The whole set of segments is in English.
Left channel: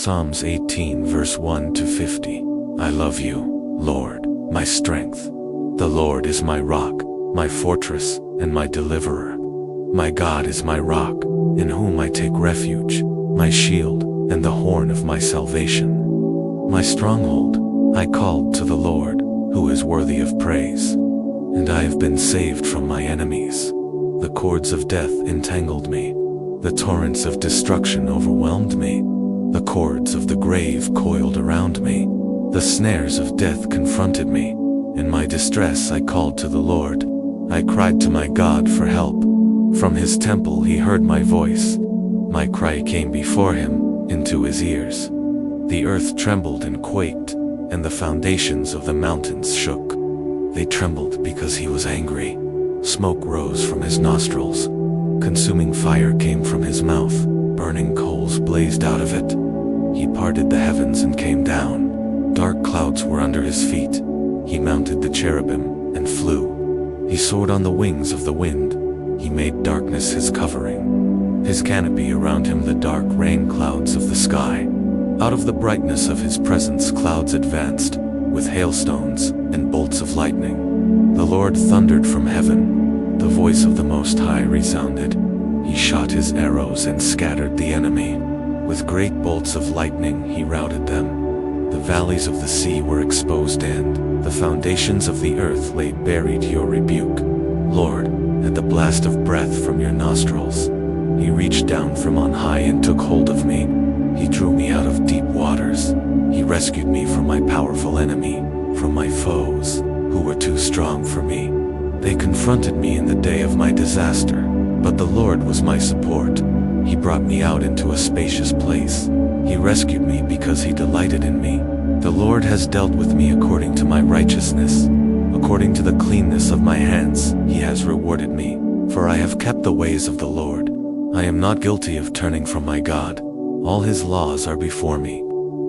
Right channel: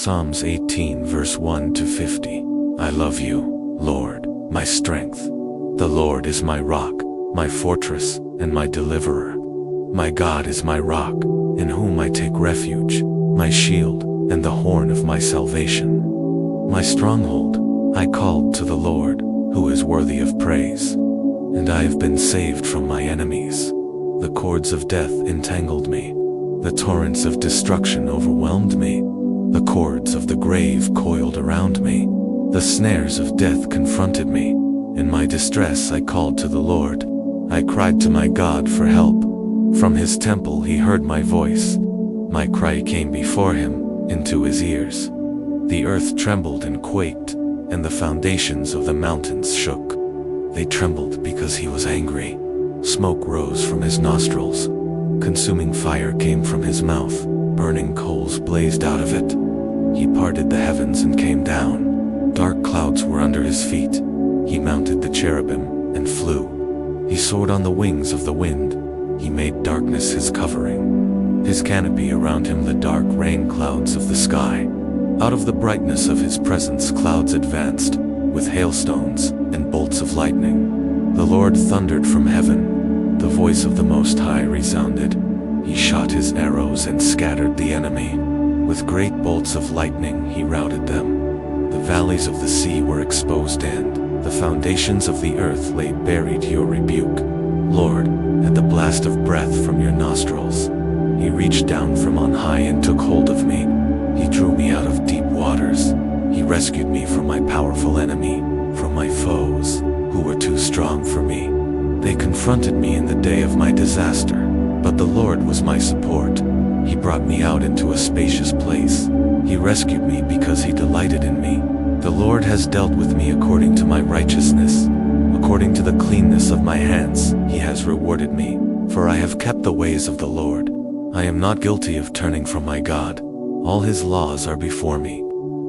Psalms 18 verse 1 to 50. I love you, Lord, my strength. The Lord is my rock, my fortress, and my deliverer. My God is my rock, in whom I take refuge, my shield, and the horn of my salvation. My stronghold, I called to the Lord, who is worthy of praise. And I have been saved from my enemies. The cords of death entangled me. The torrents of destruction overwhelmed me. The cords of the grave coiled around me. The snares of death confronted me. In my distress I called to the Lord. I cried to my God for help. From his temple he heard my voice. My cry came before him, into his ears. The earth trembled and quaked, and the foundations of the mountains shook. They trembled because he was angry. Smoke rose from his nostrils. Consuming fire came from his mouth. Burning coals blazed out of it. He parted the heavens and came down. Dark clouds were under his feet. He mounted the cherubim and flew. He soared on the wings of the wind. He made darkness his covering. His canopy around him the dark rain clouds of the sky. Out of the brightness of his presence clouds advanced, with hailstones and bolts of lightning. The Lord thundered from heaven. The voice of the Most High resounded. He shot his arrows and scattered the enemy. With great bolts of lightning he routed them. The valleys of the sea were exposed and the foundations of the earth lay buried your rebuke. Lord, at the blast of breath from your nostrils, he reached down from on high and took hold of me. He drew me out of deep waters. He rescued me from my powerful enemy, from my foes, who were too strong for me. They confronted me in the day of my disaster, but the Lord was my support. He brought me out into a spacious place. He rescued me because he delighted in me. The Lord has dealt with me according to my righteousness. According to the cleanness of my hands, he has rewarded me, for I have kept the ways of the Lord. I am not guilty of turning from my God. All his laws are before me.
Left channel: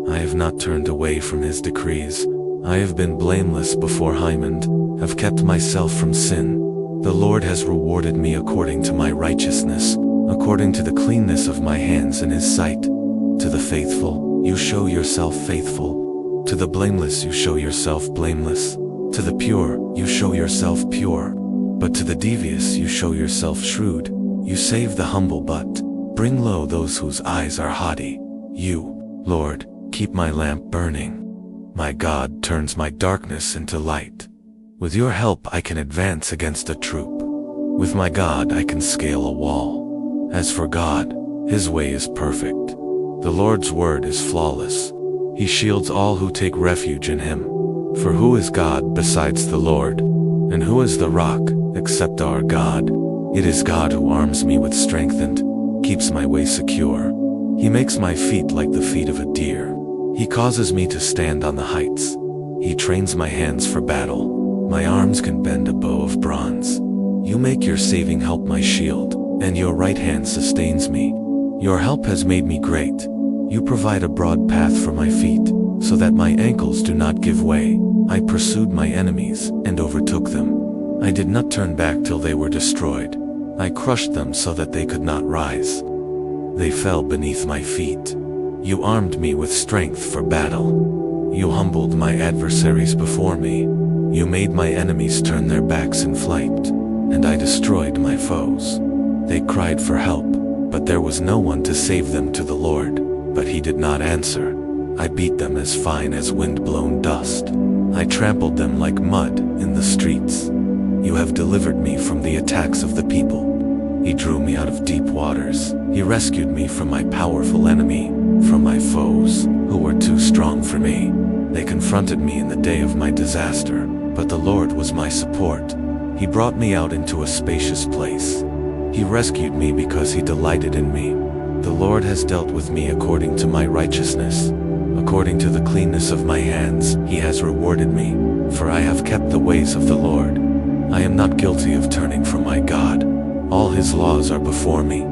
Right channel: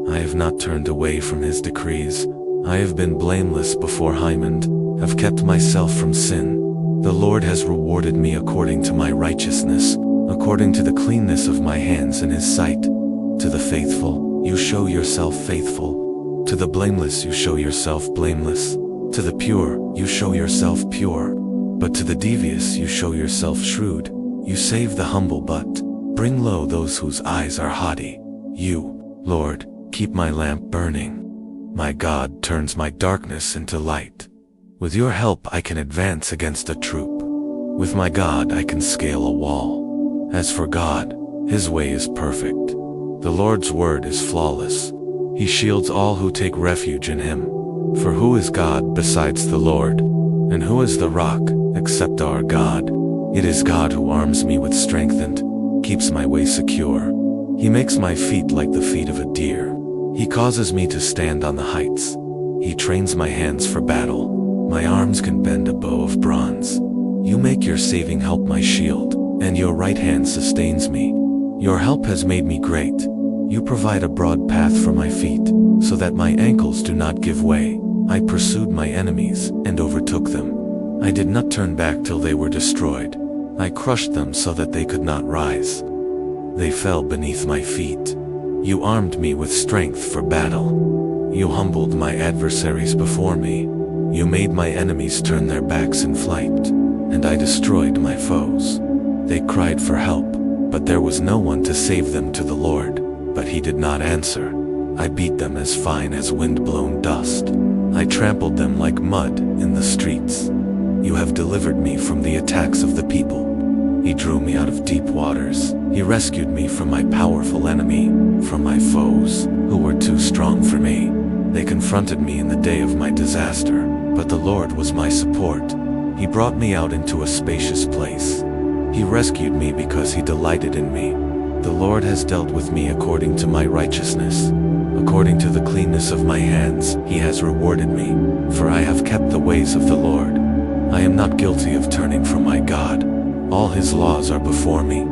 I have not turned away from his decrees. I have been blameless before him and have kept myself from sin. The Lord has rewarded me according to my righteousness, according to the cleanness of my hands in his sight. To the faithful, you show yourself faithful. To the blameless, you show yourself blameless. To the pure, you show yourself pure. But to the devious, you show yourself shrewd. You save the humble but bring low those whose eyes are haughty. You, Lord, keep my lamp burning. My God turns my darkness into light. With your help I can advance against a troop. With my God I can scale a wall. As for God, his way is perfect. The Lord's word is flawless. He shields all who take refuge in him. For who is God besides the Lord? And who is the rock, except our God? It is God who arms me with strength and keeps my way secure. He makes my feet like the feet of a deer. He causes me to stand on the heights. He trains my hands for battle. My arms can bend a bow of bronze. You make your saving help my shield, and your right hand sustains me. Your help has made me great. You provide a broad path for my feet, so that my ankles do not give way. I pursued my enemies and overtook them. I did not turn back till they were destroyed. I crushed them so that they could not rise. They fell beneath my feet. You armed me with strength for battle. You humbled my adversaries before me. You made my enemies turn their backs in flight, and I destroyed my foes. They cried for help, but there was no one to save them to the Lord, but he did not answer. I beat them as fine as wind-blown dust. I trampled them like mud in the streets. You have delivered me from the attacks of the people. He drew me out of deep waters. He rescued me from my powerful enemy, from my foes, who were too strong for me. They confronted me in the day of my disaster, but the Lord was my support. He brought me out into a spacious place. He rescued me because he delighted in me. The Lord has dealt with me according to my righteousness. According to the cleanness of my hands, he has rewarded me, for I have kept the ways of the Lord. I am not guilty of turning from my God. All his laws are before me.